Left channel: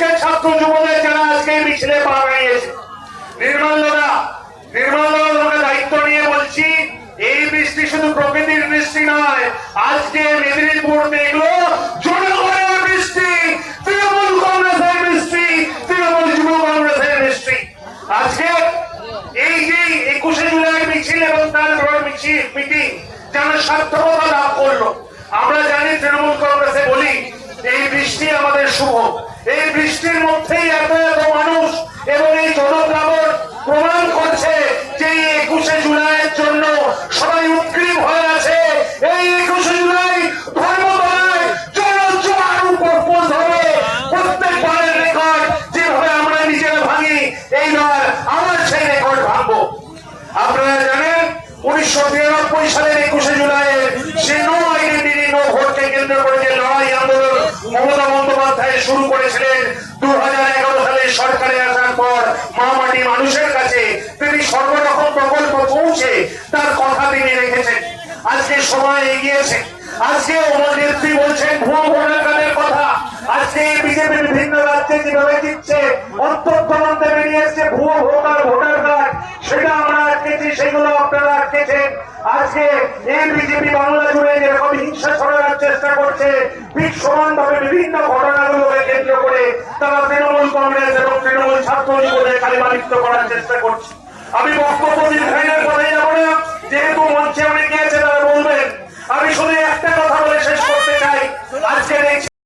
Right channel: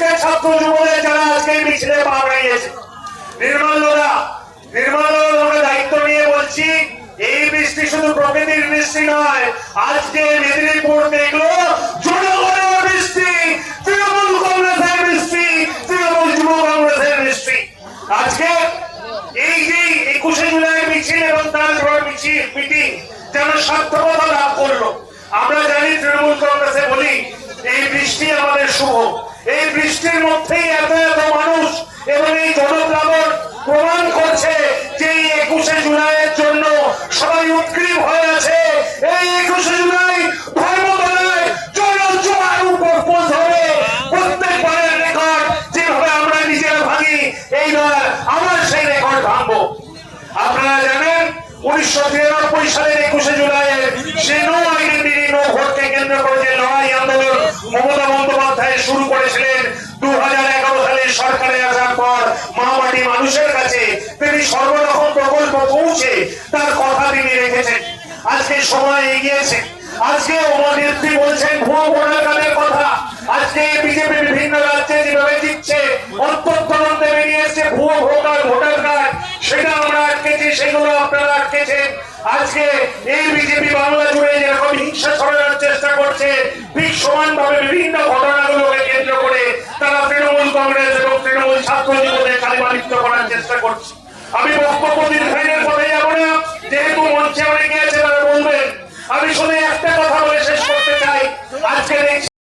যুবদের যারা আজকে মিছিলে পা বাড়িয়েছে। নির্মাল্যরা নির্মাল্যরা দায়িত্ব নিয়ে বলছি, এই বৃষ্টি শুধু প্রকৃতির বৃষ্টি নয়, আজকে মেদিনীপুর দেখল জনগণের বৃষ্টি তৃণমূল কংগ্রেসের বৃষ্টি তৃণমূল যুব কংগ্রেসের বৃষ্টি আজকে এই যে একুশে জুলাই মিছিল এবং তার মিছিল মিটিং, যেন সার্থকতা লাভ করল। আমরা জানি তৃণমূল কংগ্রেসে বলি এই বৃষ্টি আমাদের শুভ। এই বৃষ্টির মধ্যেই এত এত মানুষ এবং এই জনপ্লাবন প্রমাণ করছে যে এই একুশে জুলাইয়ের জন্য সবাই উৎক্রীব হয়ে আছে। এই একুশে জুলাই আমরা আবার সেই রেকর্ড ভাঙবো। আপনারা জানেন, উনিশশো তিরানব্বই সালের একুশে জুলাইয়ের সে নো আইনে বিলি নো ভোটকে কেন্দ্র করে যে লড়াই আন্দোলন মমতা বন্দ্যোপাধ্যায় শুরু করেছিলেন দু হাজার এগারো সালে সরকারে আসার পর মামাটি মানুষের কাছে তিনি সর্বরকম প্রকল্প পৌঁছে তার কথা তিনি রেখেছেন। আজকে সময় এগিয়েছে। আজকে ওনার নেত্রী বলছেন, ভুয়ো ভোটার কথা। আজকে বিজেপি বিভিন্ন রাজ্যে যেভাবে দিচ্ছে অন্তর্তদন্তে বেরিয়ে এসছে ভুয়ো ভোটার ভোটার কার্ড। সেটা আমরা আটকেছি, সেগুলো আপনারা আটকেছেন। আজকে এই বিজেপি বাংলা জুড়ে যেরকম হিংসা ছড়ানোর চেষ্টা করছে ঠিক সমানভাবে বিভিন্ন ঘটনাগুলোকে কেন্দ্র করে তারা তৃণমূল কংগ্রেস এবং তৃণমূল ছাত্র জীবনে কালিমালিপ্ত করার চেষ্টা করছে। আমি বক্তব্য দীর্ঘায়নের পথে যাব না, যেহেতু মঞ্চে অনেকে আছে তারা বলবেন। আমি শুধু একটা কথা বলে শেষ করতে চাই। আজকের